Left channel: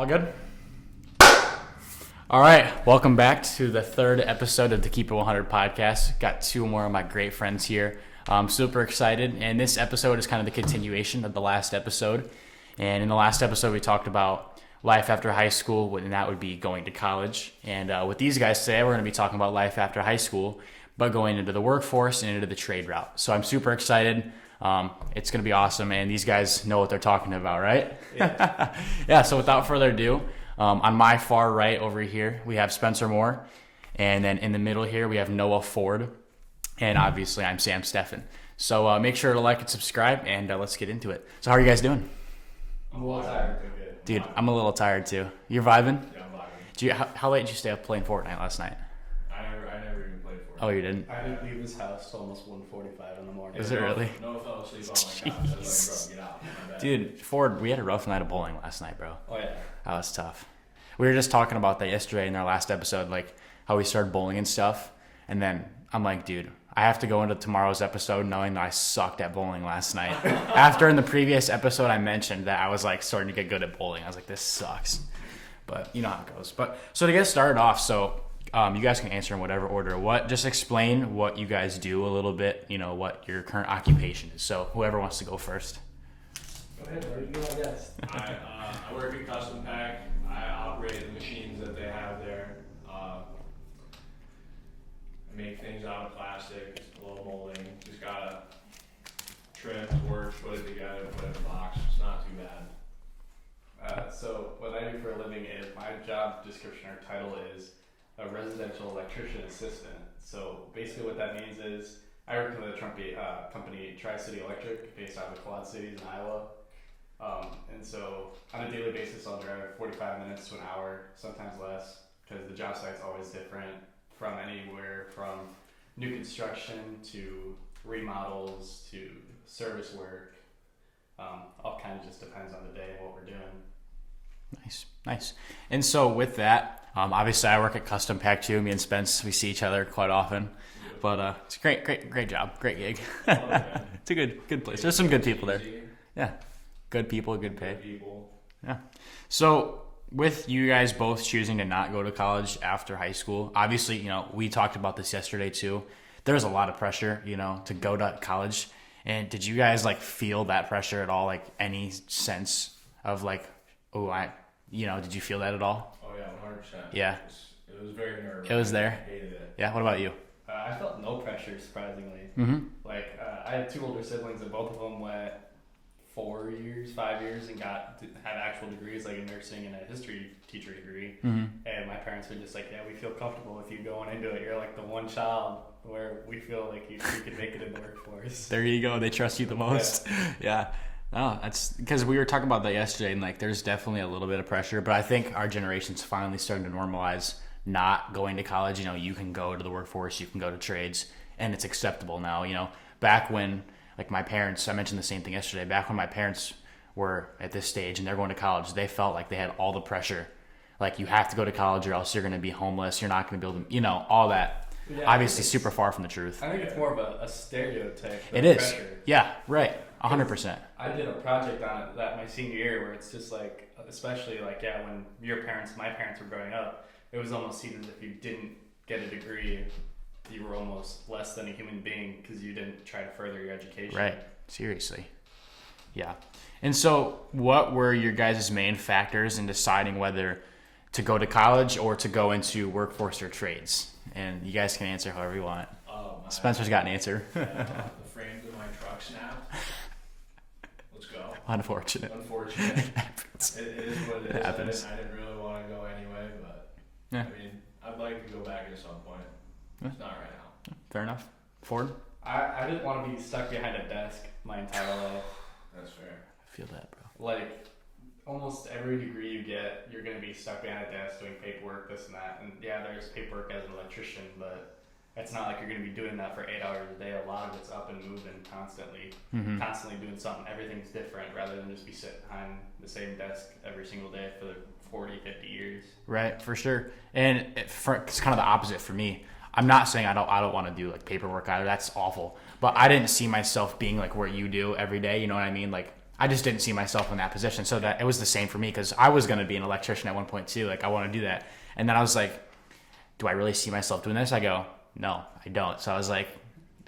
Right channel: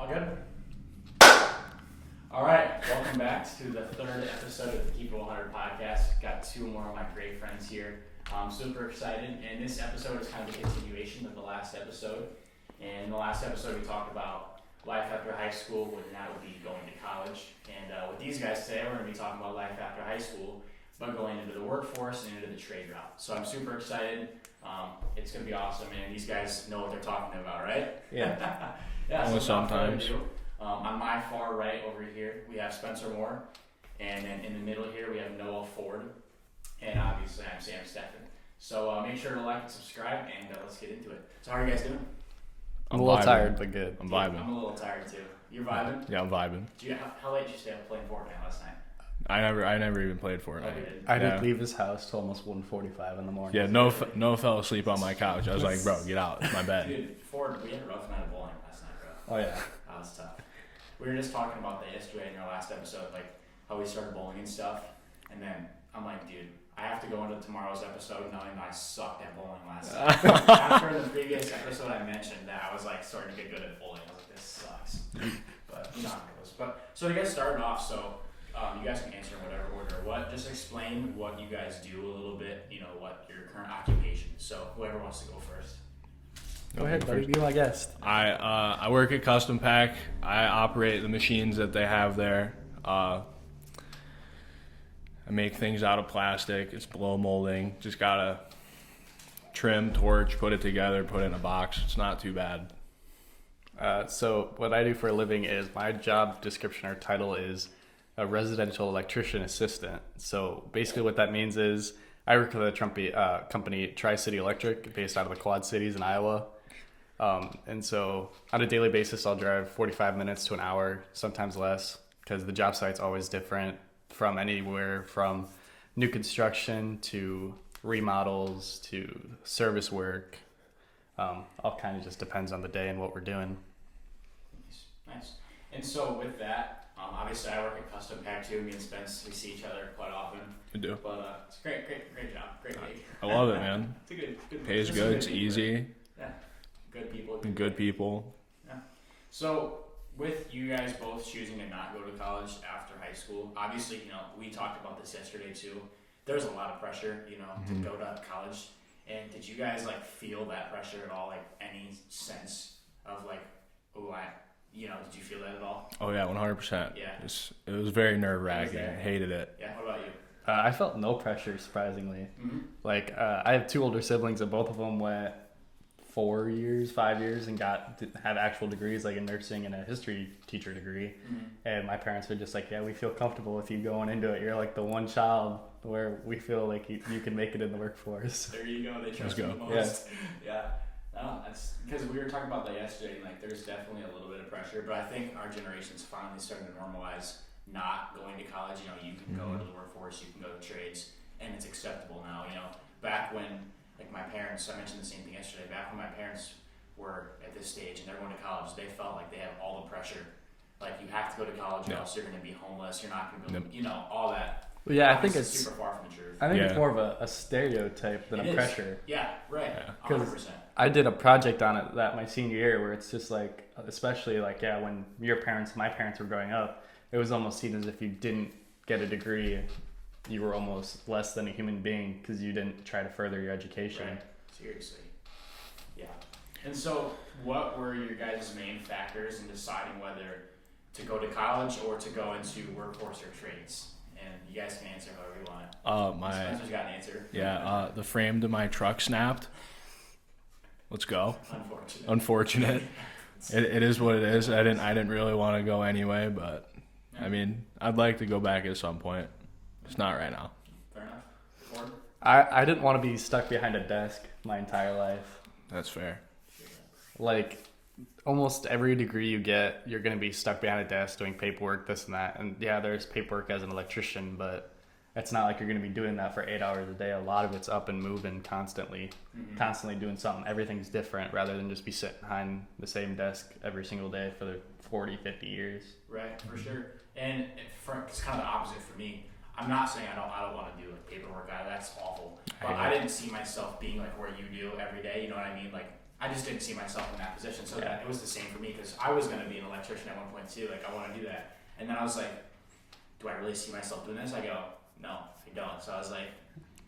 All good? All right, welcome back to the third episode of the Keep It 100 podcast. Got two more of my great friends here. I'm super excited, and this episode is kind of the continuation of the last episode. And in the last episode, we talked about life after high school, and that would be going to college. And with these guys today, we're going to be talking about life after high school, but going into the workforce and into the trade route. So I'm super excited. It's going to be awesome, and these guys know what they're talking about, right? Yeah. Yeah, so without further ado, on my far right over here, we have Spencer Moore, and then in the middle here, we have Noah Ford, and obviously I'm Sam Steffen. So make sure to like and subscribe, and let's get into it. So how are you guys doing? I'm a little tired, but good. Dude, I'm a little tired too. You're vibing? Yeah, I'm vibing. How late did you stay up playing Fortnite last night? I never even played for it. Oh, you didn't? I didn't leave his house till almost 1:45 in the morning. Yeah, Noah fell asleep on my couch. I was like, bro, get out. It's my bed. Dude, Ford, we had a rough night of bowling last night, bro. Oh, yeah. That was tough. We were just talking about that yesterday in our last episode, like how we started bowling and stuff. And then I'm like, dude, I have to go into tomorrow's episode knowing that I sucked at bowling last night. After in the previous episode, I mentioned that I was like starting to get good at bowling. I was like, this sucks. But you know how it goes. But so to get started off, so you guys can answer in whatever order. Just explain what you guys do a little bit, you know, what your current occupation is. So whoever wants to go first. Go ahead, buddy. Be my guest. I work at Custom Pack. I operate the machines that they have there. I make things out of plastic. It's blow molding. Just gotta trim, torch, put it together, put it in a box. It's not too bad. So what I do for a living is my job description or title is a residential electrician assistant. So basically what that means is I work for the company Tri-City Electric based out of the Quad Cities in Iowa. And so on a daily basis, I'll drive 45 minutes to an hour, sometimes less, because the job site's always different, from anywhere from new construction to remodels to service work. All kind of just depends on the day and what we're doing. Nice. And so with that, obviously I work at Custom Pack too. Me and Spence, we see each other quite often. We do. But it's a great job, great gig. I love it, man. It's a good place. It's There's some good it's people easy. there. Yeah, good people, good people. Yeah. So with you guys both choosing to not go to college after high school, obviously, you know, we talked about this yesterday too. There was a lot of pressure, you know, to go to college. And did you guys like feel that pressure at all? Like any sense of like, did you feel that at all? Oh yeah, 100%. Yeah. It was very nerve-wracking. It was there. I hated it. Yeah. What about you? I felt no pressure, surprisingly. Mm-hmm. Like, I have two older siblings, and both of them went 5 years, and had actual degrees, like in nursing and a history teacher degree. Mm-hmm. And my parents were just like, yeah, we feel comfortable with you going into it. You're like the one child where we feel like you can make it in the workforce. There you go. They trust you the most. Yeah. No, that's because we were talking about that yesterday, and like there's definitely a little bit of pressure, but I think our generation's finally starting to normalize not going to college. You know, you can go to the workforce, you can go to trades, and it's acceptable now. You know, back when like my parents, I mentioned the same thing yesterday, back when my parents were at this stage and they're going to college, they felt like they had all the pressure. Like you have to go to college or else you're going to be homeless. You're not going to be able to, you know, all that. Yeah, obviously super far from the truth. I think it's more of a stereotype than it is. pressure. Yeah, right. 100%. I did a project on it that my senior year where it's just like, especially like, yeah, when my parents were growing up, it was almost seen as if you didn't get a degree, you were almost less than a human being because you didn't try to further your education. Right. Seriously. Yeah. And so what were your guys' main factors in deciding whether to go to college or to go into workforce or trades? And you guys can answer however you want. Spencer's got an answer. Yeah, the frame to my truck snapped. Let's go. Unfortunate. It is what it is. Yeah, I didn't really want to go anyway, but yeah. I mean, I'd like to go back at some point. It's not right now. Fair enough. Ford? I didn't want to be stuck behind a desk my entire life. That's fair. I feel that, bro. Like, almost every degree you get, you're going to be stuck behind a desk doing paperwork, this and that. And yeah, there's paperwork as an electrician, but it's not like you're going to be doing that for 8 hours a day. A lot of it's up and moving constantly, constantly doing something. Everything's different rather than just be sitting behind the same desk every single day for the 40, 50 years. Right, for sure. And it's kind of the opposite for me. I'm not saying I don't want to do like paperwork either. That's awful. But I didn't see myself being like where you do every day. You know what I mean? Like I just didn't see myself in that position. So that it was the same for me because I was going to be an electrician at one point too. Like I want to do that. And then I was like, do I really see myself doing this? I go, no, I don't. So I was like,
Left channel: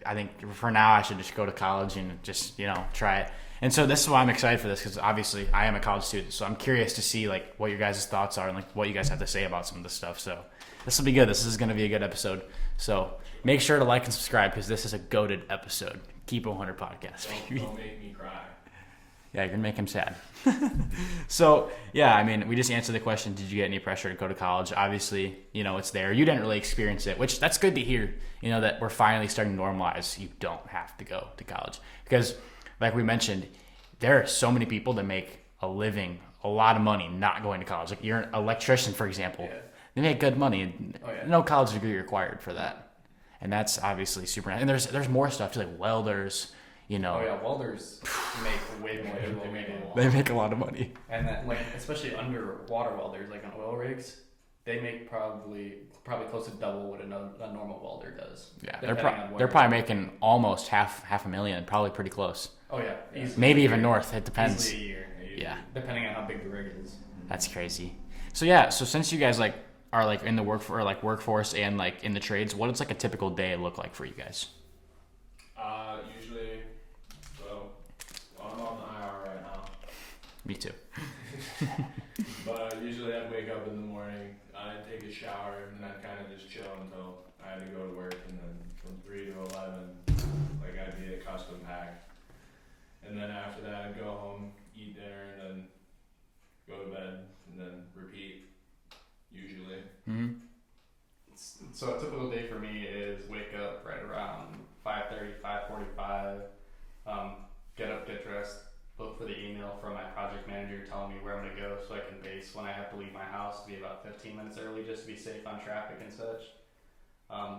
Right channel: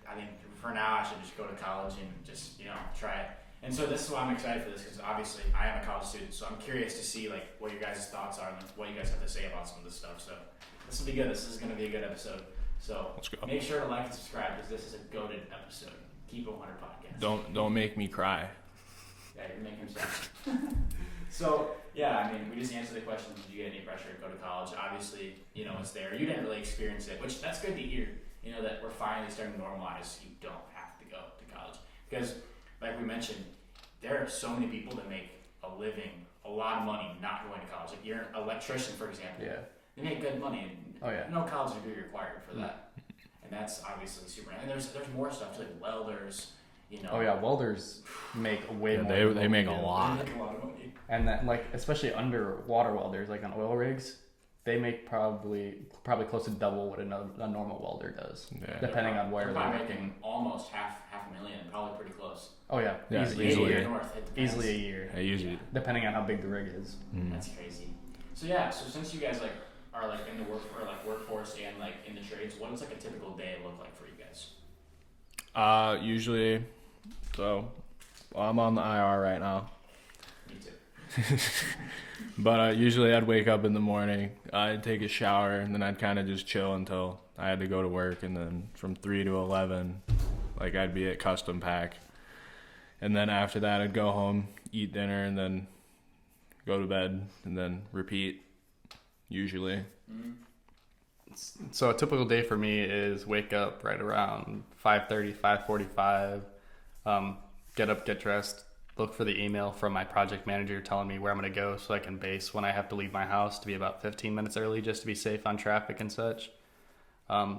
I think for now I should just go to college and just, try it. And so this is why I'm excited for this because obviously I am a college student. So I'm curious to see like what your guys' thoughts are and like what you guys have to say about some of this stuff. So this will be good. This is going to be a good episode. So make sure to like and subscribe because this is a goated episode. Keep 100 podcast. Don't make me cry. Yeah, you're going to make him sad. So, yeah, I mean, we just answered the question, did you get any pressure to go to college? Obviously, it's there. You didn't really experience it, which that's good to hear, that we're finally starting to normalize you don't have to go to college. Because, like we mentioned, there are so many people that make a living, a lot of money not going to college. Like you're an electrician, for example. Yeah. They make good money. And no college degree required for that. And that's obviously super nice. And there's more stuff, too, like welders. Welders make way more. They make a lot. They make a lot of money. And that, especially underwater welders, like on oil rigs, they make probably close to double what a normal welder does. Yeah, they're probably making almost half a million, probably pretty close. Oh yeah, maybe even north. It depends. Easily a year. Yeah, depending on how big the rig is. That's crazy. So since you guys are in the workforce and in the trades, what does a typical day look like for you guys? Usually, I'm on the IR right now. Me too. But usually I'd wake up in the morning, I'd take a shower, and then I'd kind of just chill until I had to go to work, and then from 3 to 11, I'd be at Custom Pack. And then after that, I'd go home, eat dinner, and then go to bed, and then repeat, usually. Mm-hmm. So a typical day for me is wake up right around 5:30, 5:45, get up, get dressed, look for the email from my project manager telling me where I'm going to go so I can base when I have to leave my house to be about 15 minutes early just to be safe on traffic and such. And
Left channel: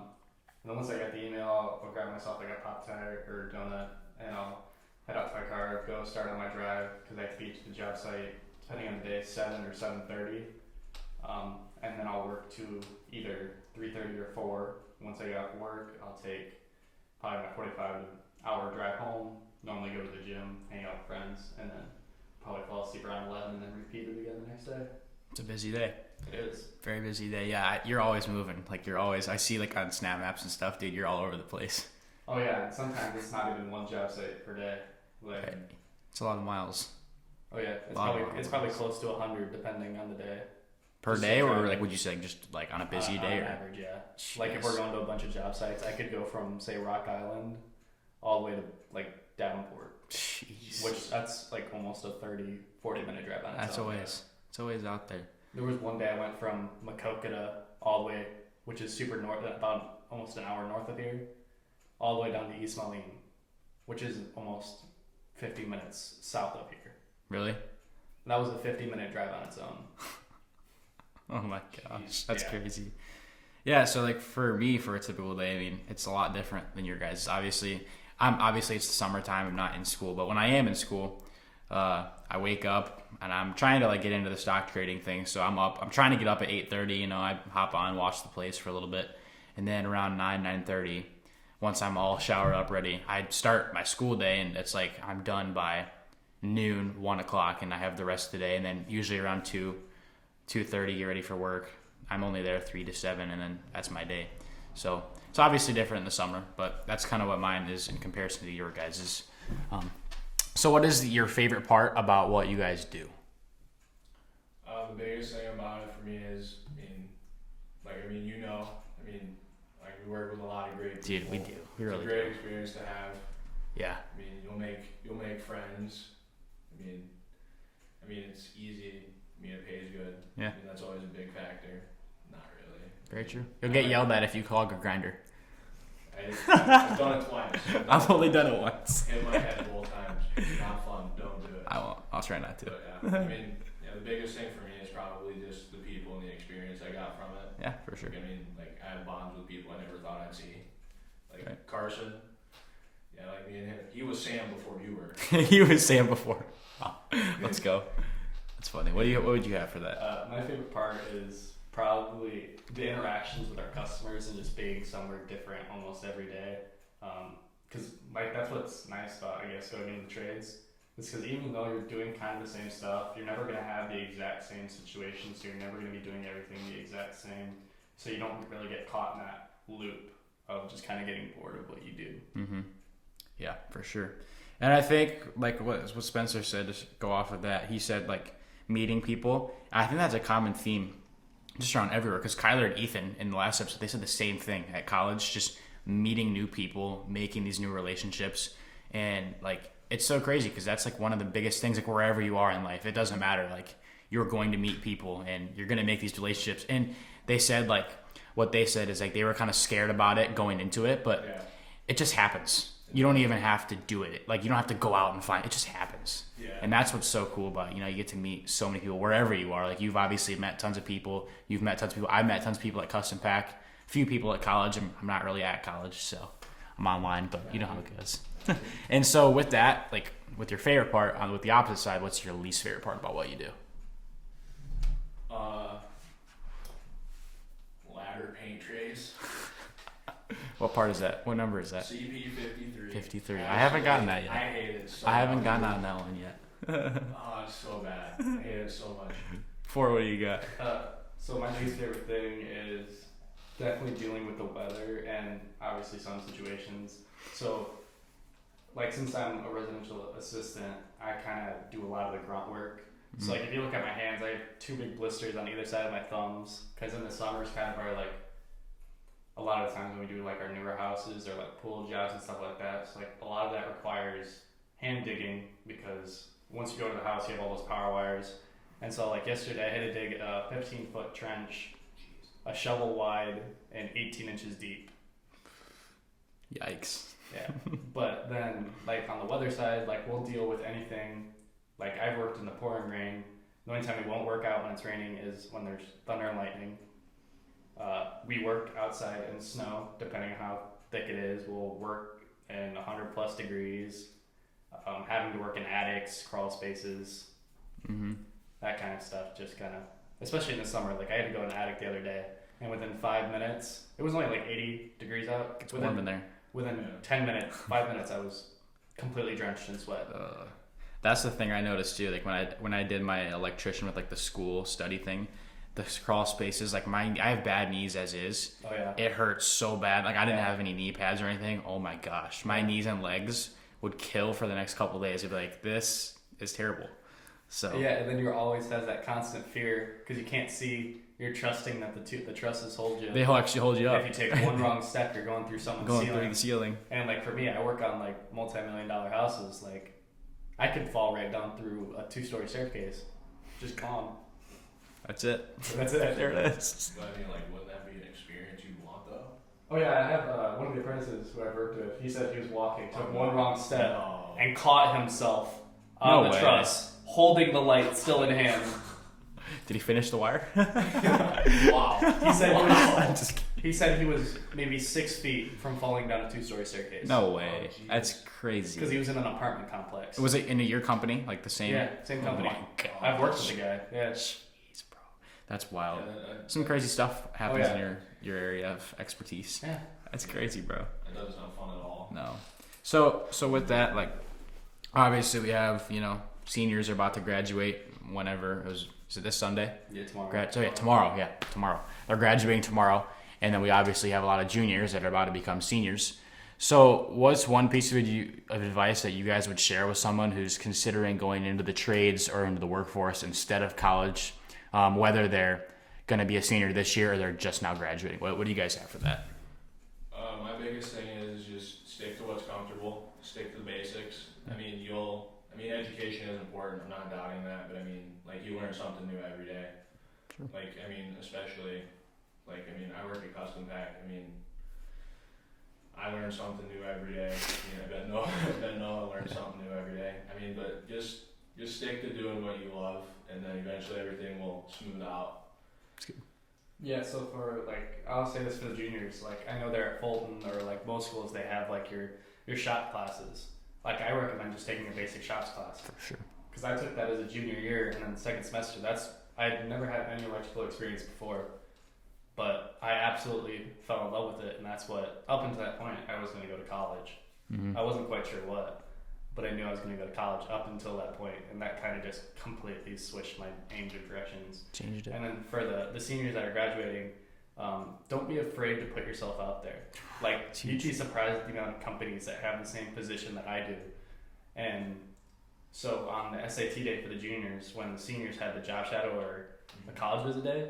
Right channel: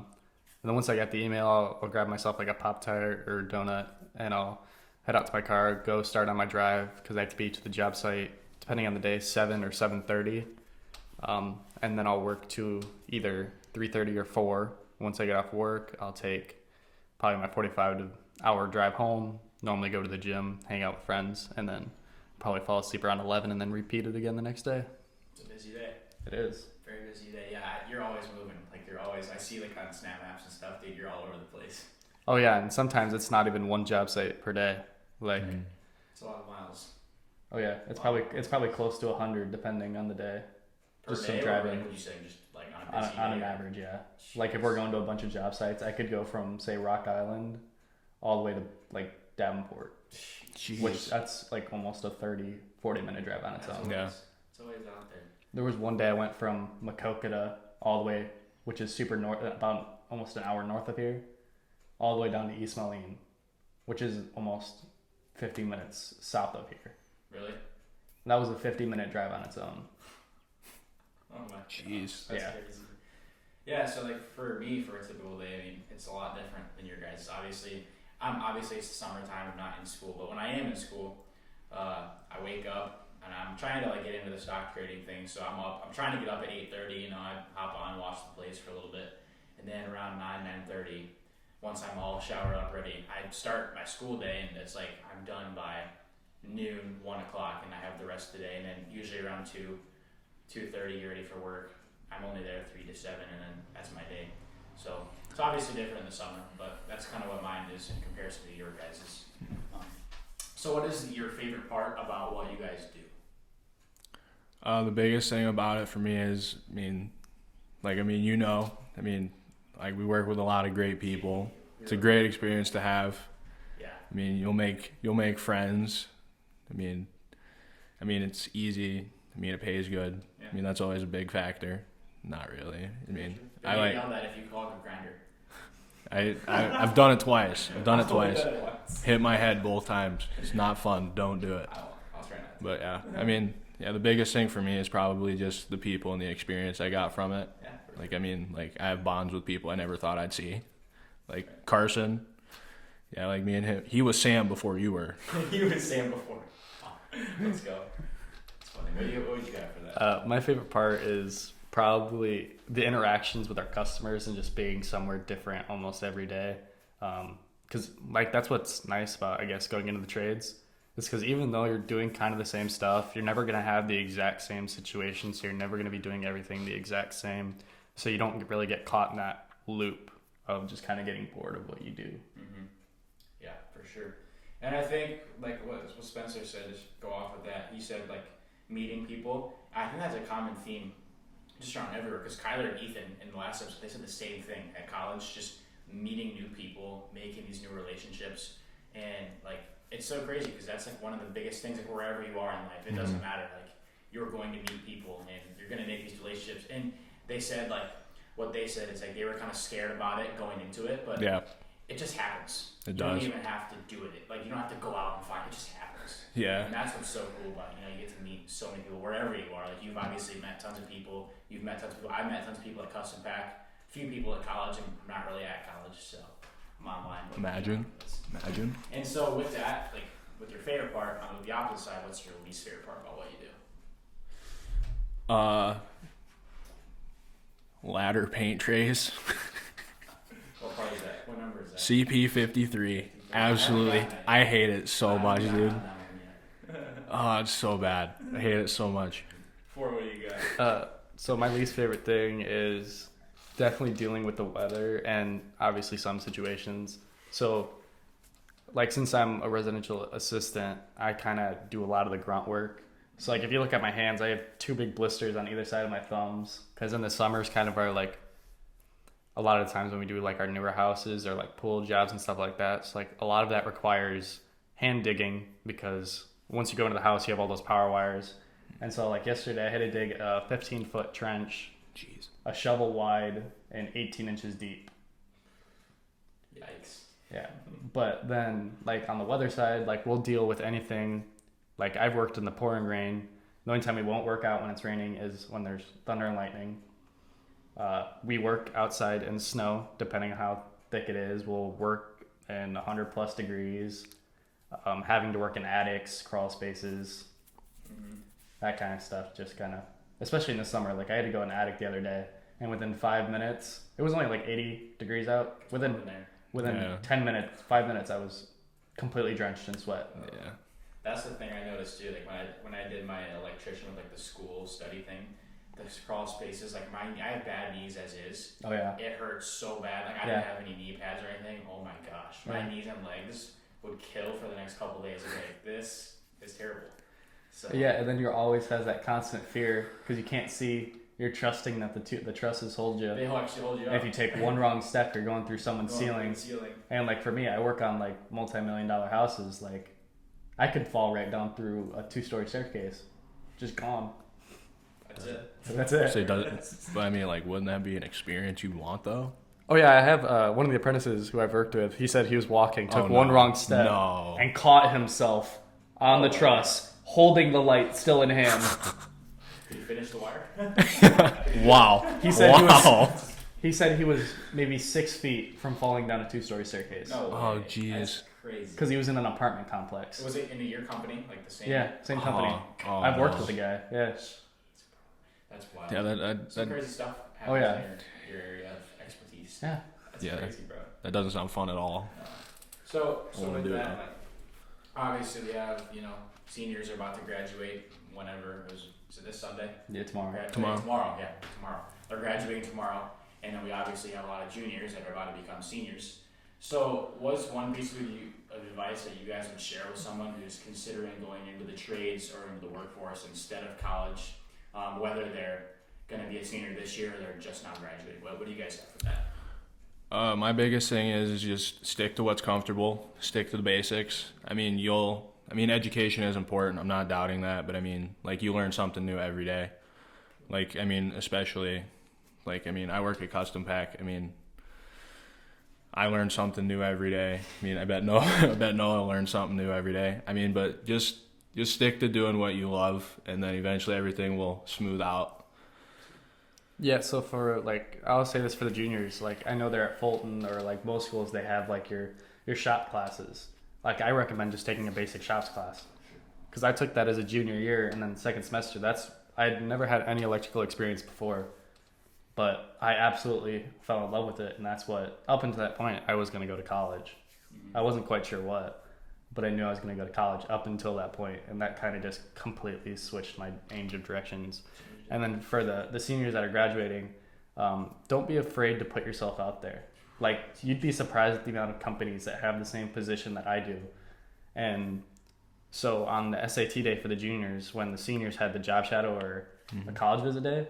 then once I get the email, I'll grab myself a Pop-Tart or donut and I'll head out to my car, go start on my drive because I have to be to the job site, depending on the day, 7 or 7:30. And then I'll work to either 3:30 or 4. Once I get off work, I'll take probably my 45-hour drive home, normally go to the gym, hang out with friends, and then probably fall asleep around 11 and then repeat it again the next day. It's a busy day. It is. Very busy day. Yeah, you're always moving. I see on Snap Maps and stuff, dude, you're all over the place. Oh yeah, and sometimes it's not even one job site per day. It's a lot of miles. Oh yeah, it's probably close to 100 depending on the day. Per day, or would you say just on a busy day? On average, yeah. Jeez. If we're going to a bunch of job sites, I could go from say Rock Island all the way to Davenport. Jeez. Which that's almost a 30-40 minute drive on its own. It's always out there. There was one day I went from Maquoketa all the way, which is super north, about almost an hour north of here, all the way down to East Moline, which is almost 50 minutes south of here. Really? That was a 50-minute drive on its own. Oh my jeez, that's crazy. Yeah, so for me, for a typical day, I mean, it's a lot different than your guys. Obviously it's the summertime. I'm not in school, but when I am in school, I wake up and I'm trying to get into the stock trading thing. So I'm up. I'm trying to get up at 8:30. I hop on, watch the plays for a little bit, and then around 9:30, once I'm all showered up, ready, I start my school day, and it's I'm done by noon, 1 o'clock, and I have the rest of the day, and then usually around 2:30, get ready for work. I'm only there 3 to 7, and then that's my day. So it's obviously different in the summer, but that's kind of what mine is in comparison to your guys's. So what is your favorite part about what you guys do? The biggest thing about it for me is, we work with a lot of great people. Dude, we do. It's a great experience to have. Yeah. You'll make friends. It's easy. It pays good. Yeah. That's always a big factor. Not really. Very true. You'll get yelled at if you call a grinder. I've done it twice. I've only done it once. Hit my head both times. It's not fun. Don't do it. I'll try not to. But yeah, the biggest thing for me is probably just the people and the experience I got from it. Yeah, for sure. I have bonds with people I never thought I'd see. Carson. Yeah, me and him. He was Sam before you were. He was Sam before. Oh, let's go. That's funny. What would you have for that? My favorite part is probably the interactions with our customers and just being somewhere different almost every day. Because that's what's nice about, I guess, going into the trades It's because even though you're doing kind of the same stuff, you're never going to have the exact same situation. So you're never going to be doing everything the exact same. So you don't really get caught in that loop of just kind of getting bored of what you do. Mm-hmm. Yeah, for sure. And I think like what Spencer said, just go off of that. He said like meeting people. I think that's a common theme just around everywhere. Because Kyler and Ethan in the last episode, they said the same thing at college, just meeting new people, making these new relationships. And like, it's so crazy because that's like one of the biggest things, like wherever you are in life, it doesn't matter. Like you're going to meet people and you're going to make these relationships. And they said like, what they said is like they were kind of scared about it going into it, but it just happens. You don't even have to do it. Like you don't have to go out and find it. Just happens. Yeah. And that's what's so cool about, you get to meet so many people wherever you are. Like you've obviously met tons of people. You've met tons of people. I've met tons of people at Custom Pack. A few people at college. I'm not really at college, so I'm online, but you know how it goes. And so with that, like with your favorite part, with the opposite side, what's your least favorite part about what you do? Ladder paint trays. What part is that? What number is that? CP 53. 53. Absolutely. I haven't gotten that yet. I hate it so I much. haven't gotten on that one yet. Oh, it's so bad. I hate it so much. For what do you got? So my least favorite thing is definitely dealing with the weather and obviously some situations. So like since I'm a residential assistant, I kind of do a lot of the grunt work. So like if you look at my hands, I have 2 big blisters on either side of my thumbs because in the summers kind of are like a lot of the times when we do like our newer houses or like pool jobs and stuff like that. So like a lot of that requires hand digging because once you go into the house, you have all those power wires. And so like yesterday I had to dig a 15-foot trench, a shovel wide and 18 inches deep. Yikes. Yeah. But then like on the weather side, like we'll deal with anything. Like I've worked in the pouring rain. The only time we won't work out when it's raining is when there's thunder and lightning. We work outside in snow, depending on how thick it is. We'll work in 100 plus degrees, having to work in attics, crawl spaces, that kind of stuff. Just kind of, especially in the summer. Like I had to go in an attic the other day, and within 5 minutes, it was only like 80 degrees out. It's warm in there. Within 10 minutes, 5 minutes, I was completely drenched in sweat. Yeah. That's the thing I noticed too. Like when I did my electrician with like the school study thing, the crawl spaces, like I have bad knees as is. Oh yeah. It hurts so bad. Like I didn't have any knee pads or anything. Oh my gosh, my knees and legs would kill for the next couple of days. It'd be like, this is terrible. So yeah, and then you're always has that constant fear because you can't see. You're trusting that the trusses hold you. They'll actually hold you up. If you take one wrong step, you're going through someone's ceiling. Through the ceiling. And like for me, I work on like multi-million-dollar houses. Like I could fall right down through a 2-story staircase, just gone. That's it. That's it. But I mean, like, wouldn't that be an experience you'd want, though? Oh yeah, I have one of the apprentices who I've worked with. He said he was walking, took one wrong step, and caught himself on the truss, holding the light still in hand. Did he finish the wire? Wow. He said he was maybe 6 feet from falling down a 2-story staircase. No way. Oh, geez. That's crazy. Because he was in an apartment complex. Was it in your company? Like the same? Yeah, same company. Oh, I've worked with the guy. Yeah. Jeez, bro. That's wild. Yeah, Some crazy stuff happens yeah. in your area of expertise. Yeah. That's crazy, bro. That doesn't sound fun at all. No. So with that, like, obviously we have, seniors are about to graduate whenever. Is it this Sunday? Yeah, tomorrow. Tomorrow. Yeah, tomorrow. They're graduating tomorrow. And then we obviously have a lot of juniors that are about to become seniors. So what's one piece of advice that you guys would share with someone who's considering going into the trades or into the workforce instead of college, whether they're going to be a senior this year or they're just now graduating? What do you guys have for that? My biggest thing is just stick to what's comfortable, stick to the basics. Education is important. I'm not doubting that, but you learn something new every day. Especially, I work at Custom Pack. I learn something new every day. I bet Noah learns something new every day. But just stick to doing what you love, and then eventually everything will smooth out. Yeah, so for I'll say this for the juniors. I know they're at Fulton or most schools they have your shop classes. I recommend just taking a basic shops class for sure. Because I took that as a junior year, and then the second semester, I'd never had any electrical experience before, but I absolutely fell in love with it, and that's what, up until that point, I was going to go to college. Mm-hmm. I wasn't quite sure what, but I knew I was going to go to college up until that point, and that kind of just completely switched my change of directions. Changed it. And then for the seniors that are graduating, don't be afraid to put yourself out there. Like, you'd be surprised at the amount of companies that have the same position that I do. And so on the SAT day for the juniors, when the seniors had the job shadow or a college visit day,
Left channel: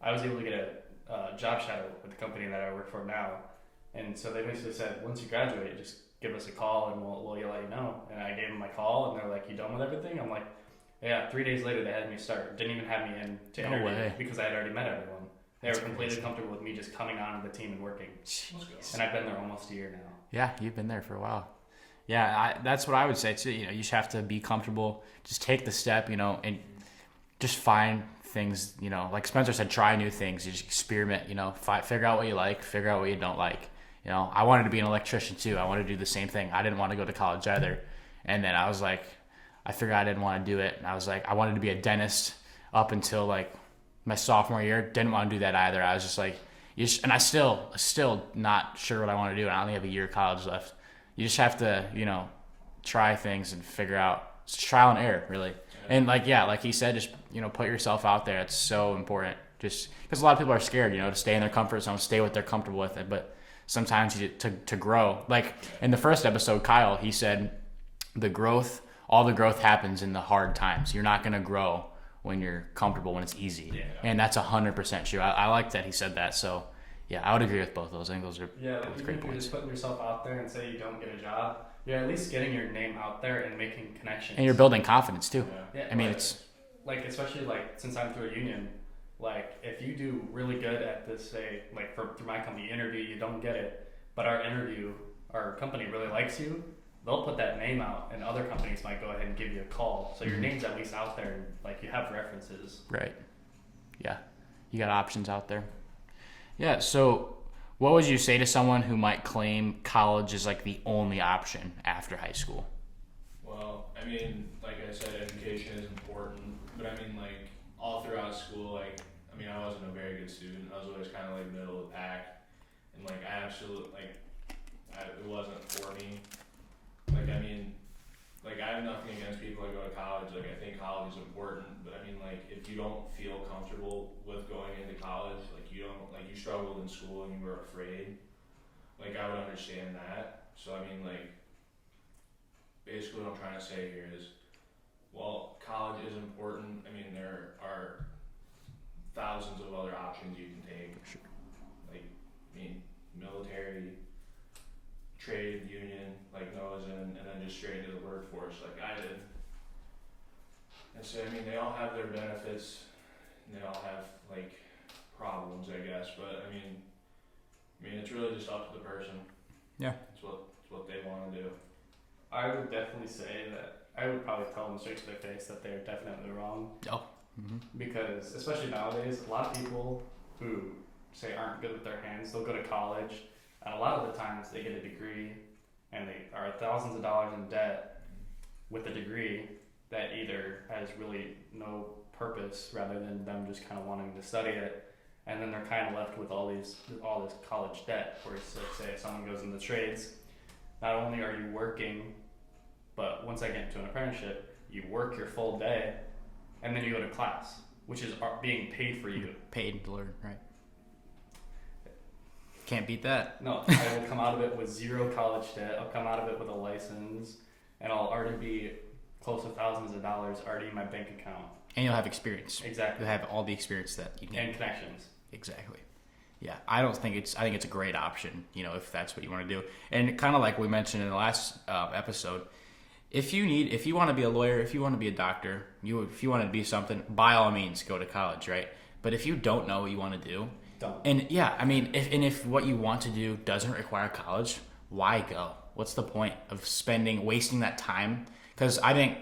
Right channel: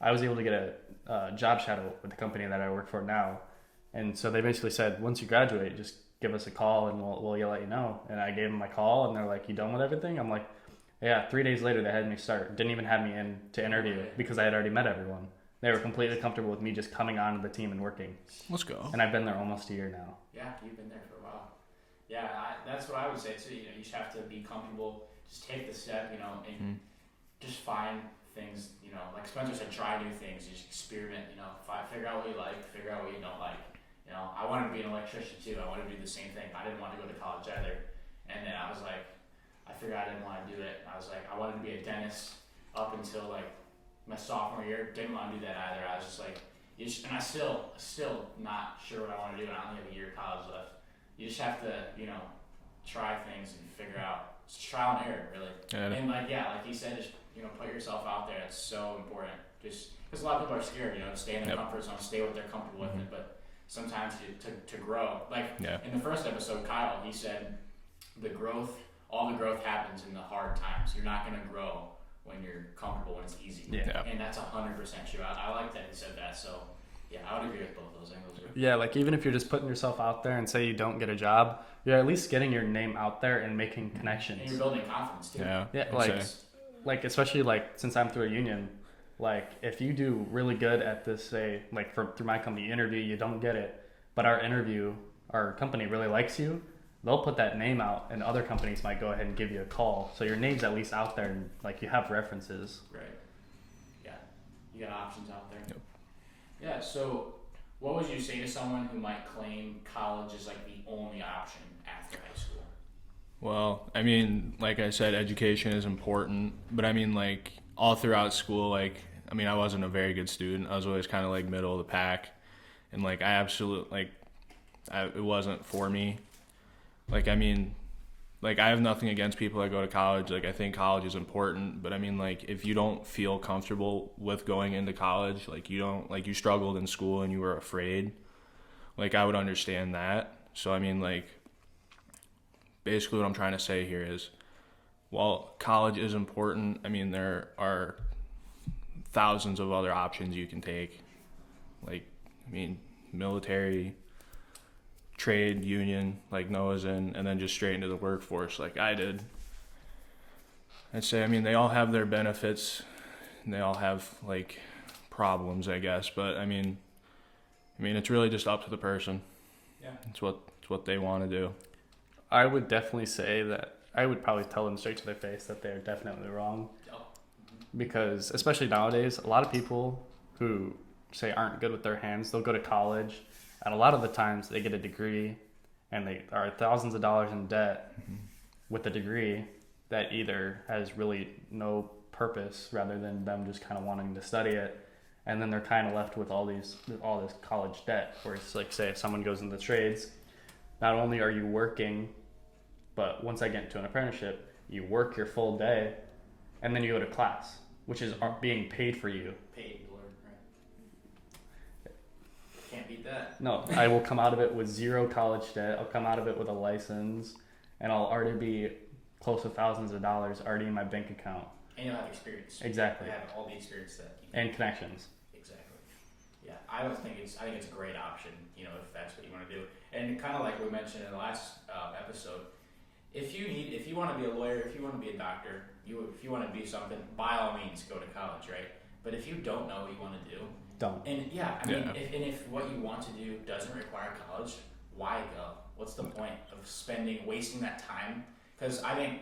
I was able to get a job shadow with the company that I work for now. And so they basically said, once you graduate, just give us a call and we'll let you know. And I gave them my call, and they're like, you done with everything? I'm like, yeah. 3 days later, they had me start. Didn't even have me in to No interview way. because I had already met everyone. They were That's completely crazy. comfortable with me just coming onto the team and working. Let's go. And I've been there almost a year now. Yeah, you've been there for a while. Yeah, that's what I would say too. You know, you just have to be comfortable. Just take the step, you know, and just find things, you know, like Spencer said, try new things. You just experiment, you know, figure out what you like, figure out what you don't like. You know, I wanted to be an electrician too. I wanted to do the same thing. I didn't want to go to college either. And then I was like, I figured I didn't want to do it. And I was like, I wanted to be a dentist up until like my sophomore year. Didn't want to do that either. I was just like, and I still not sure what I want to do. And I only have a year of college left. You just have to, you know, try things and figure out. It's trial and error, really. Yeah. And like he said, just, you know, put yourself out there. It's so important. Just because a lot of people are scared, you know, to stay in their comfort zone, stay what they're comfortable with it. But sometimes you to grow. Like in the first episode, Kyle, he said all the growth happens in the hard times. You're not going to grow when you're comfortable, when it's easy. Yeah. And that's 100% true. I like that he said that. So yeah, I would agree with both those. I think those are. Yeah, like even if you're just putting yourself out there and say you don't get a job, you're at least getting your name out there and making connections. And you're building confidence too. Yeah. Yeah, I mean, like, it's- like especially like since I'm through a union, like if you do really good at this, say like through my company interview, you don't get it, but our company really likes you, they'll put that name out, and other companies might go ahead and give you a call. So your name's at least out there, and like you have references. Right. Yeah. You got options out there. Yeah. So what would you say to someone who might claim college is like the only option after high school? Well, I mean, like I said, education is important, but I mean, like all throughout school, like I mean, I wasn't a very good student. I was always kind of like middle of the pack, and like it wasn't for me. Like, I mean, like I have nothing against people that go to college. Like, I think college is important, but I mean, like if you don't feel comfortable with going into college, like you struggled in school and you were afraid, like I would understand that. So I mean, like basically what I'm trying to say here is, while college is important, I mean, there are thousands of other options you can take. Like, I mean, military, trade, union, like Noah's in, and then just straight into the workforce like I did. I'd say, I mean, they all have their benefits and they all have like problems, I guess, but I mean, it's really just up to the person. Yeah. It's what they want to do. I would definitely say that I would probably tell them straight to their face that they're definitely wrong. Oh. Because especially nowadays, a lot of people who say aren't good with their hands, they'll go to college, and a lot of the times they get a degree and they are thousands of dollars in debt with a degree that either has really no purpose rather than them just kind of wanting to study it, and then they're kind of left with all this college debt. Where it's like, say if someone goes into the trades, not only are you working, but once I get into an apprenticeship, you work your full day and then you go to class, which is being paid for you. Paid to learn, right? Can't beat that. No, I will come out of it with zero college debt. I'll come out of it with a license, and I'll already be close to thousands of dollars already in my bank account. And you'll have experience. Exactly. You'll have all the experience that you need. And connections. Exactly. Yeah, I think it's a great option, you know, if that's what you want to do. And kind of like we mentioned in the last episode, if you want to be a lawyer, if you want to be a doctor, if you want to be something, by all means go to college, right? But if you don't know what you want to do, Don't. and yeah, I mean, if what you want to do doesn't require college, why go? What's the point of wasting that time? Because I think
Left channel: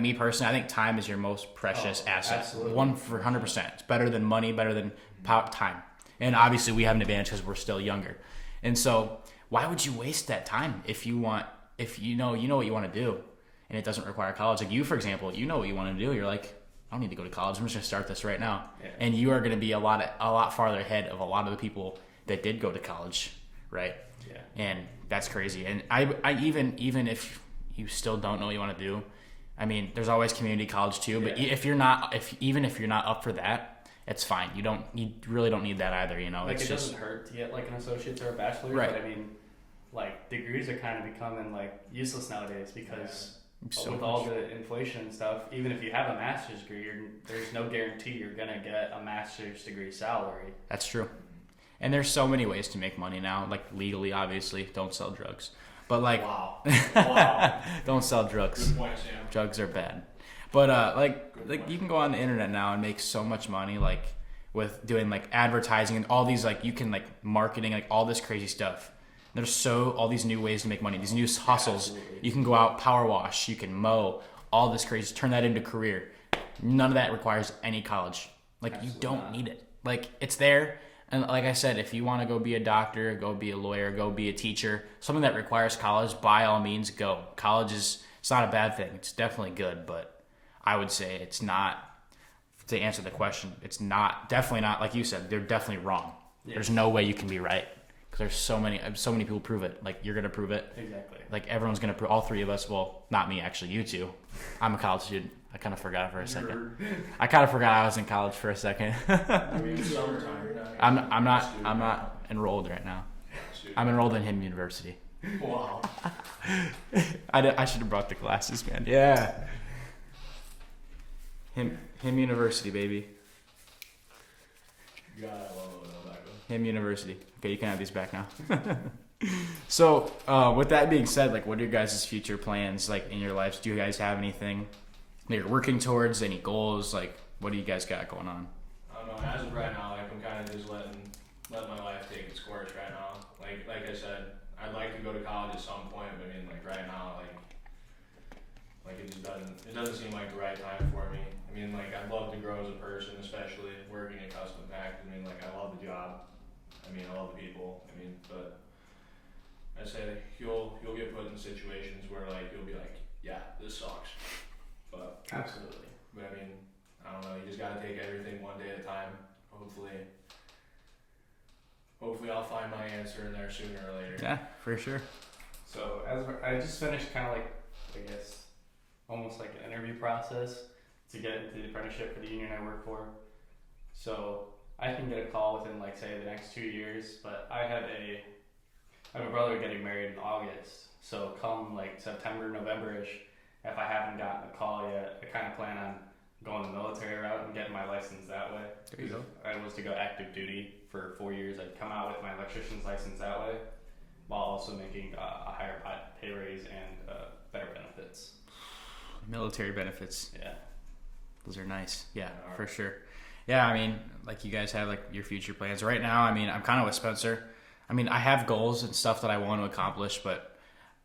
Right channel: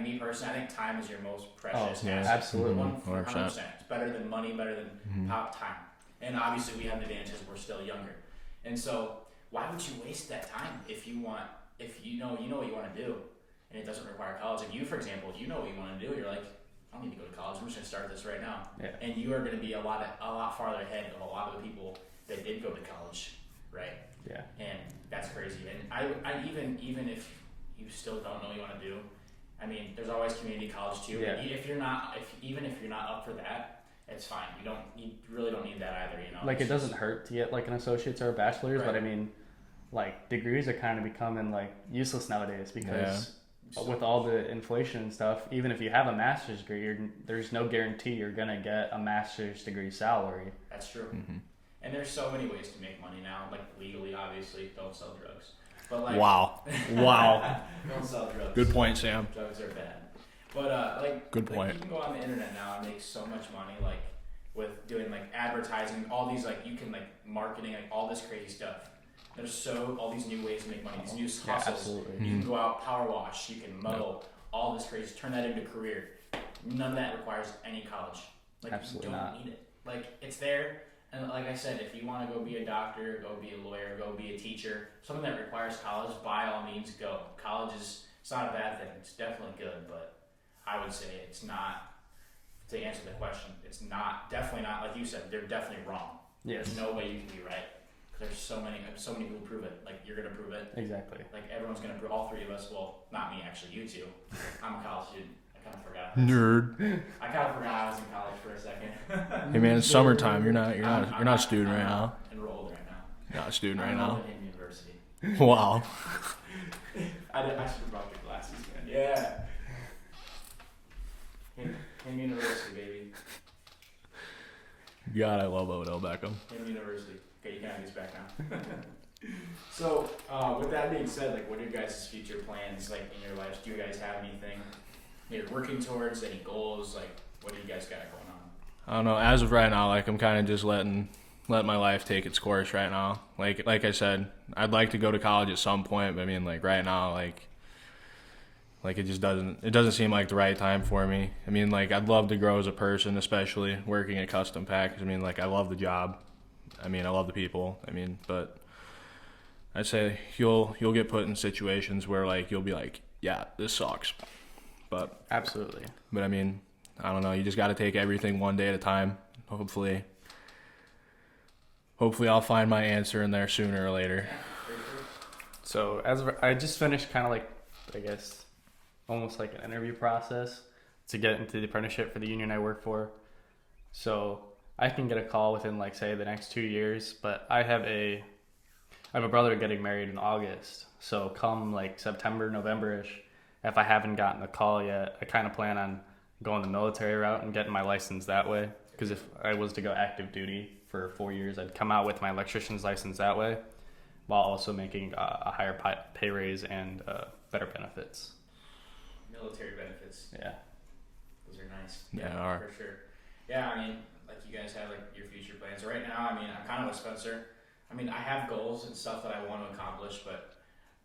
me personally, I think time is your most precious asset. absolutely. 100%. It's better than money, better than time. And obviously, we have an advantage because we're still younger. And so, why would you waste that time if you know what you want to do, and it doesn't require college? Like you, for example, you know what you want to do. You're like, I don't need to go to college. I'm just gonna start this right now. Yeah. And you are going to be a lot farther ahead of a lot of the people that did go to college, right? Yeah. And that's crazy. And I even if you still don't know what you want to do, I mean, there's always community college too. But Yeah. if you're not up for that, it's fine. You really don't need that either. You know, Like It's it just- doesn't hurt to get like an associate's or a bachelor's, Right. but I mean, like degrees are kind of becoming like useless nowadays because so with much. all the inflation and stuff, even if you have a master's degree, there's no guarantee you're gonna get a master's degree salary. That's true. And there's so many ways to make money now, like legally, obviously. Don't sell drugs, but like Wow. Wow. don't sell drugs. Good point, Sam. Drugs are bad. But Good like point. you can go on the internet now and make so much money, like with doing like advertising and all these like you can like marketing, like all this crazy stuff. There's all these new ways to make money, these new hustles. absolutely. You can go out, power wash, you can mow, all this crazy, turn that into a career. None of that requires any college. Like Absolutely you don't not. need it. Like it's there. And like I said, if you want to go be a doctor, go be a lawyer, go be a teacher, something that requires college, by all means go. College it's not a bad thing. It's definitely good, but I would say it's not, to answer the question, it's not, definitely not, like you said, they're definitely wrong. Yes. There's no way you can be right. Because there's so many people prove it. Like you're going to prove it. Exactly. Like everyone's going to prove, all three of us, well, not me actually, you two. I'm a college student. I kind of forgot for a second. Nerd. I kind of forgot I was in college for a second. Hey man, it's summertime. You're not. You're not a student I'm right not enrolled right now. now. Not a student. I'm right enrolled now. in Him University. Wow. I should have brought the glasses, man. Yeah. Him University, baby. God, I love Odell Beckham. Him University. Okay, you can have these back now. So, with that being said, like, what are your guys' future plans, like, in your lives? Do you guys have anything that you're working towards? Any goals? Like, what do you guys got going on? I don't know. As of right now, like I'm kind of just letting my life take its course right now. Like I said, I'd like to go to college at some point, but I mean, like right now, like it just doesn't seem like the right time for me. I mean, like I'd love to grow as a person, especially working at Custom Pack. 'Cause I mean, like I love the job. I mean, I love the people. I mean, but I'd say you'll get put in situations where like you'll be like, yeah, this sucks. But Absolutely. I mean, I don't know. You just got to take everything one day at a time. Hopefully I'll find my answer in there sooner or later. Yeah, for sure. So I just finished kind of like, I guess, almost like an interview process to get into the apprenticeship for the union I work for. So I can get a call within like say the next 2 years, but I have a brother getting married in August. So come like September, November-ish, if I haven't gotten a call yet, I kind of plan on going the military route and getting my license that way. Because if I was to go active duty for 4 years, I'd come out with my electrician's license that way, while also making a higher pay raise and better benefits. Military benefits. Yeah. Those are nice. Yeah, Yeah, they are. for sure. Yeah, I mean, like you guys have like your future plans. Right now, I mean, I'm kind of with Spencer. I mean, I have goals and stuff that I want to accomplish, but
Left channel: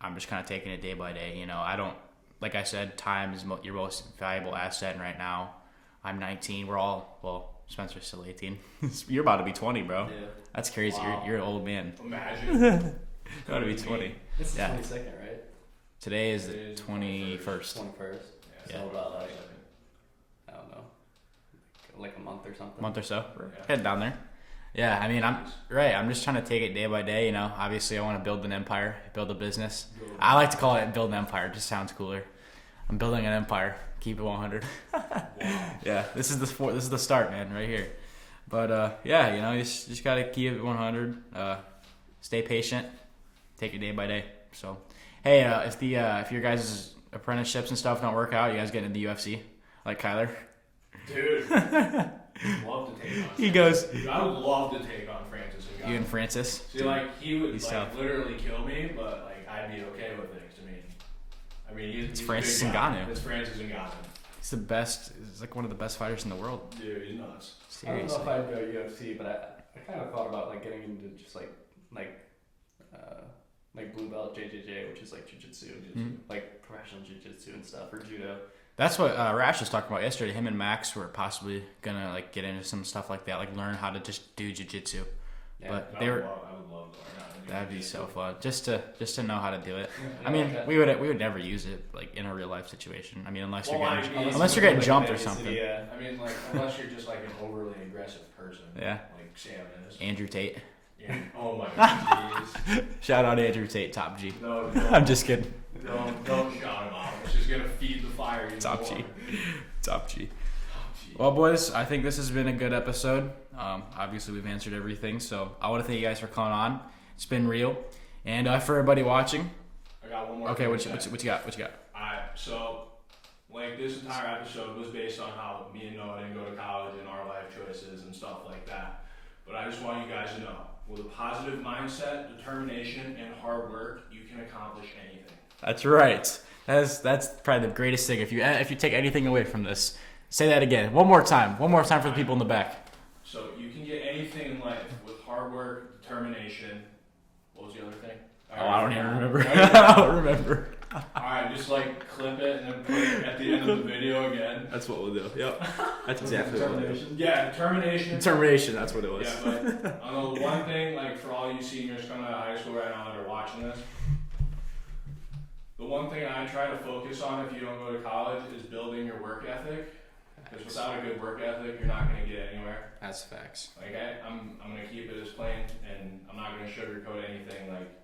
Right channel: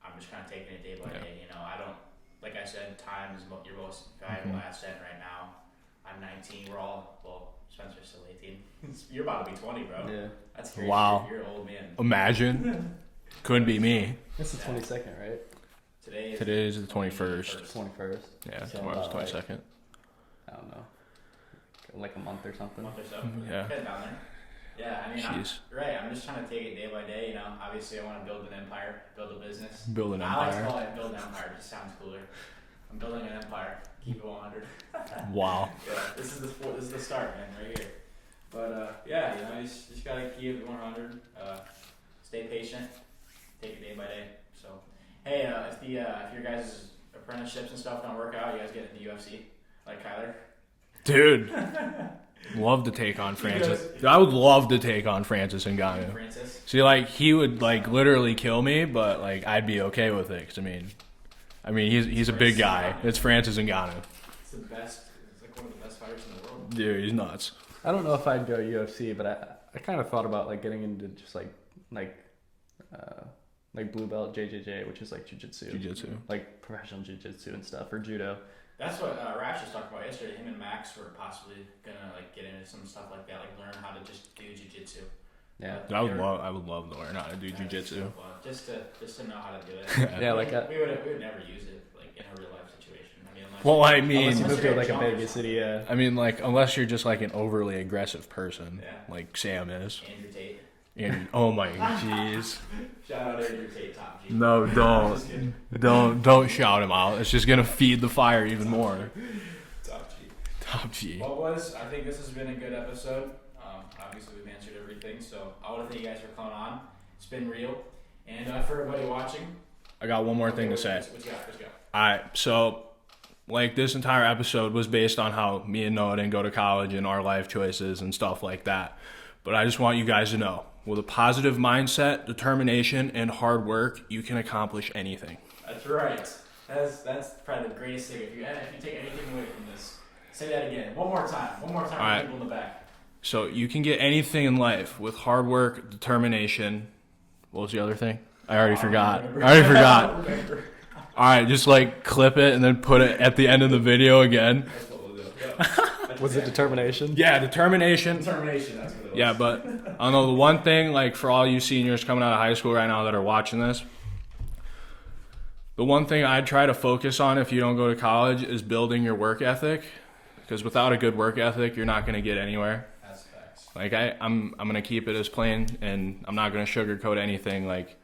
I'm just kind of taking it day by day. You know, I don't, like I said, time is your most valuable asset. And right now, I'm 19. Well, Spencer's still 18. You're about to be 20, bro. Yeah. That's crazy. Wow. You're an old man. Imagine. Couldn't be 20. me. This is Yeah. 22nd, right? Today is Today is the 21st. 21st. Yeah, So, tomorrow's like, 22nd. I don't know. Like a month or something. month or so. Yeah. Head down there. Yeah, I mean, Jeez. I'm just trying to take it day by day. You know, obviously, I want to build an empire, build a business. Build an I like to empire. call it build an empire. It just sounds cooler. I'm building an empire. Keep it 100. Wow. Yeah, this is the start, man, right here. But yeah, you know, you just gotta keep it 100. Stay patient. Take it day by day. So, hey, if your guys' apprenticeships and stuff don't work out, you guys get into the UFC, like Kyler. Dude. Love to take on He Francis. I would love to take on Francis You Ngannou. and Francis. See, like he would like So- literally kill me, but like I'd be okay with it. 'Cause, I mean, he's a big Francis guy. Ngannou. It's Francis Ngannou. He's the best. He's like one of the best fighters in the world. Dude, he's nuts. I don't know if I'd go UFC, but I kind of thought about like getting into just like blue belt JJJ, which is like jiu-jitsu. Jiu-jitsu. Like professional jiu-jitsu and stuff, or judo. That's what Rash was talking about yesterday. Him and Max were possibly gonna like get into some stuff like that, like learn how to just do jiu-jitsu. Yeah. But I they would were- love to learn how to do That'd be jiu-jitsu. so fun, just to know how to do it. Yeah, I mean, like that. we would never use it like in a real life situation. I mean, unless Well, you're I getting, mean- unless you you're go getting to, like, jumped a or big something. city, yeah. I mean, like unless you're just like an overly aggressive person, Yeah. like Sam is. Andrew Tate. And oh my jeez. Shout out Andrew Tate, top G. No, don't. I'm just kidding. Don't shout him out. It's just gonna feed the fire even Top more. G. Top G. Top G. Well, boys, I think this has been a good episode. Obviously, we've answered everything, so I want to thank you guys for coming on. It's been real. And for everybody watching, I got one more okay, thing what to say. you got? What you got? Alright, so like this entire episode was based on how me and Noah didn't go to college and our life choices and stuff like that. But I just want you guys to know, with a positive mindset, determination, and hard work, you can accomplish anything. That's right. That's probably the greatest thing. If you take anything away from this, say that again. One more time for Alright. people in the back. So you can get anything in life with hard work, determination. What was the other thing? I already forgot. I already forgot. Remember. All right, just like clip it and then put it at the end of the video again. That's what we'll do. Yep. That's Was it determination? Yeah, determination. Determination. That's what it was. Yeah, but I don't know, the one thing, like for all you seniors coming out of high school right now that are watching this, the one thing I'd try to focus on if you don't go to college is building your work ethic. Because without a good work ethic, you're not going to get anywhere. That's facts. Like I'm going to keep it as plain, and I'm not going to sugarcoat anything. Like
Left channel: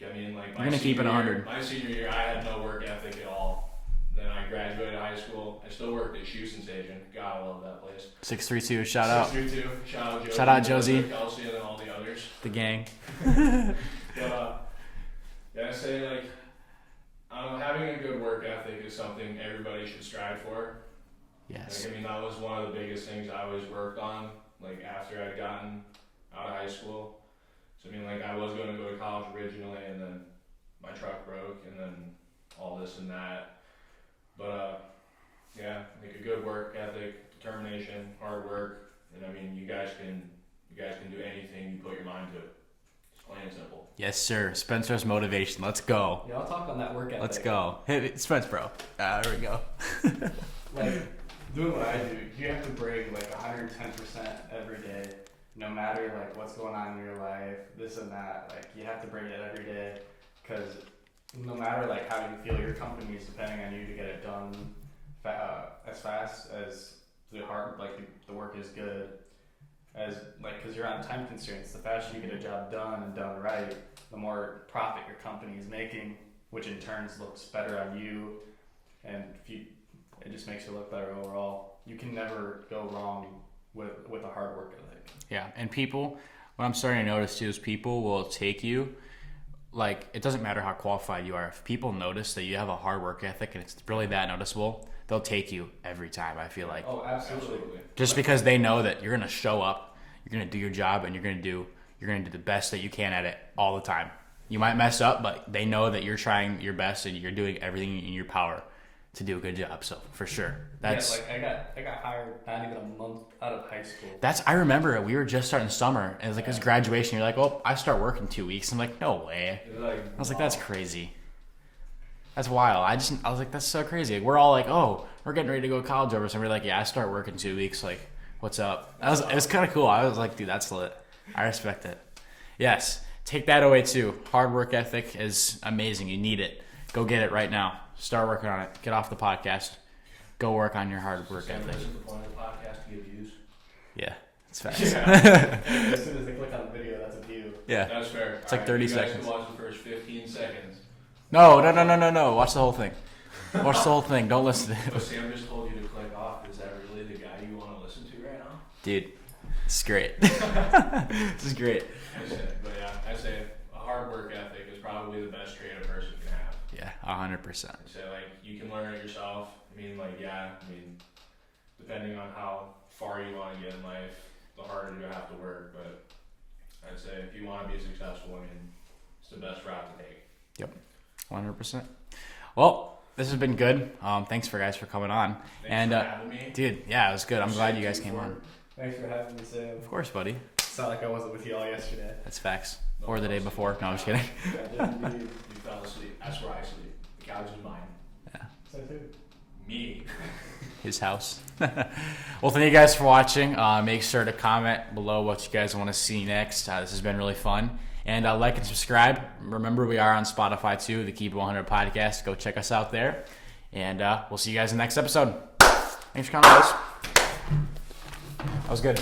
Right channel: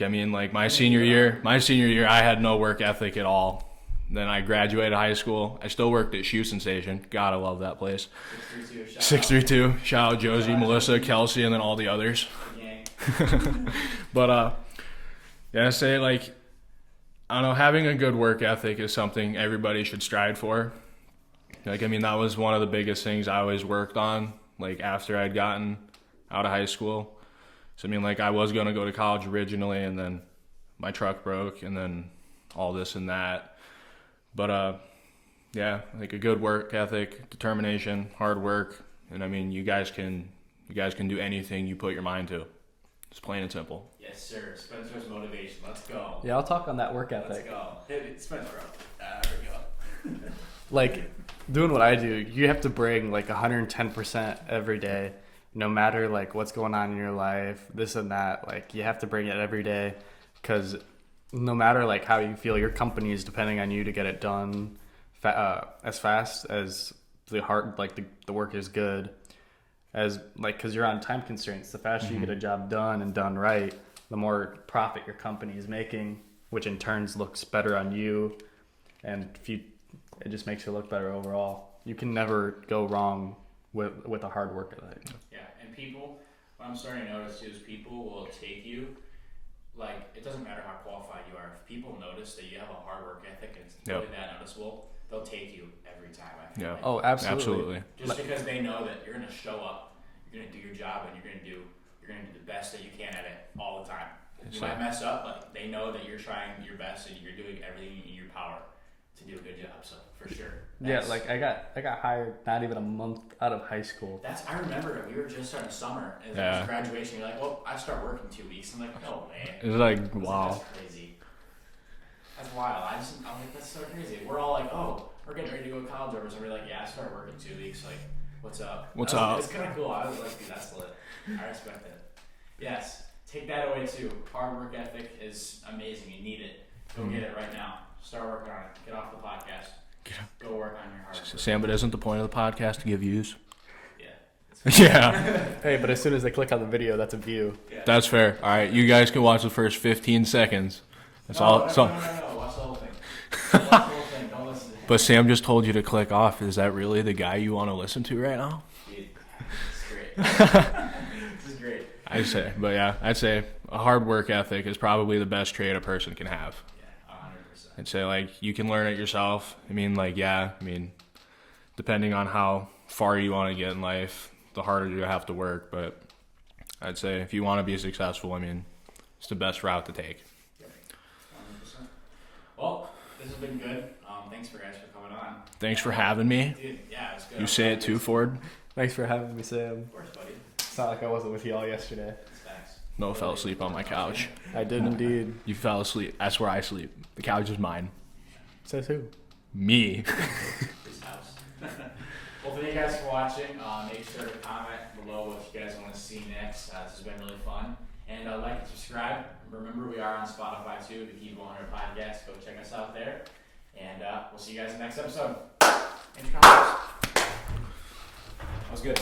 I mean, like my senior year, I had no work ethic at all. Then I graduated high school. I still worked at Shoe Sensation. God, I love that place. 632. Shout out 632. Shout out Josie, Shout out Melissa, Josie. Kelsey, and then all the others. the gang. But yeah, I say like I don't know, having a good work ethic is something everybody should strive for. Yes. Like I mean, that was one of the biggest things I always worked on. Like after I'd gotten out of high school. So I mean, like I was gonna go to college originally, and then my truck broke, and then all this and that. But yeah, like a good work ethic, determination, hard work, and I mean, you guys can do anything you put your mind to. It's plain and simple. Yes, sir. Spencer's motivation. Let's go. Yeah, I'll talk on that work ethic. Let's go. Hey, Spence, bro. There we go. Like, doing what I do, you have to bring like 110% every day, no matter like what's going on in your life, this and that. Like, you have to bring it every day, because no matter like how you feel, your company is depending on you to get it done as fast as the work is good. As like, because you're on time constraints, the faster you get a job done and done right, the more profit your company is making, which in turns looks better on you, and it just makes you look better overall. You can never go wrong with a hard work ethic. Yeah, and people, what I'm starting to notice too is people will take you, like, it doesn't matter how qualified you are. If people notice that you have a hard work ethic and it's really that noticeable, they'll take you every time, I feel like. Oh, absolutely. Just because they know that you're going to show up, you're going to do your job, and you're going to do the best that you can at it all the time. You might mess up, but they know that you're trying your best and you're doing everything in your power to do a good job. So for sure, like I got hired not even a month out of high school. I remember it. We were just starting summer. It was like it was graduation. You're like, oh, I start work in 2 weeks. I'm like, no way. It was like, I was like, that's crazy. That's wild. I was like, that's so crazy. We're all like, oh, we're getting ready to go to college over. So we're like, yeah, I start work in 2 weeks. Like, what's up? It was kind of cool. I was like, dude, that's lit. I respect it. Yes, take that away too. Hard work ethic is amazing. You need it. Go get it right now. Start working on it. Get off the podcast. Go work on your hard work. Sam, but isn't the point of the podcast to give views? Yeah. Yeah. Hey, but as soon as they click on the video, that's a view. Yeah. That's fair. All right, you guys can watch the first 15 seconds. No. Watch the whole thing. Watch the whole thing. Don't listen to it. But Sam just told you to click off. Is that really the guy you want to listen to right now? Dude, this is great. This is great. I'd say a hard work ethic is probably the best trait a person can have. Yeah, 100%. I'd say, like, you can learn it yourself. I mean, depending on how far you want to get in life, the harder you have to work. But I'd say if you want to be successful, it's the best route to take. Yep, 100%. Well, this has been good. Thanks for coming on. Thanks for having me. Dude, yeah, it was good. You I'm say glad it you too, guys came Ford? on. Thanks for having me, Sam. Of course, buddy. It's not like I wasn't with y'all yesterday. That's facts. No, or the fell day asleep before. on my No, I'm just couch. kidding. I did indeed. You fell asleep. That's where I sleep. The couch is mine. Says who? Me. His house. Well, thank you guys for watching. Make sure to comment below what you guys want to see next. This has been really fun. And like and subscribe. Remember, we are on Spotify too, the Keep It 100 podcast. Go check us out there. And we'll see you guys in the next episode. Thanks for coming, guys. That was good.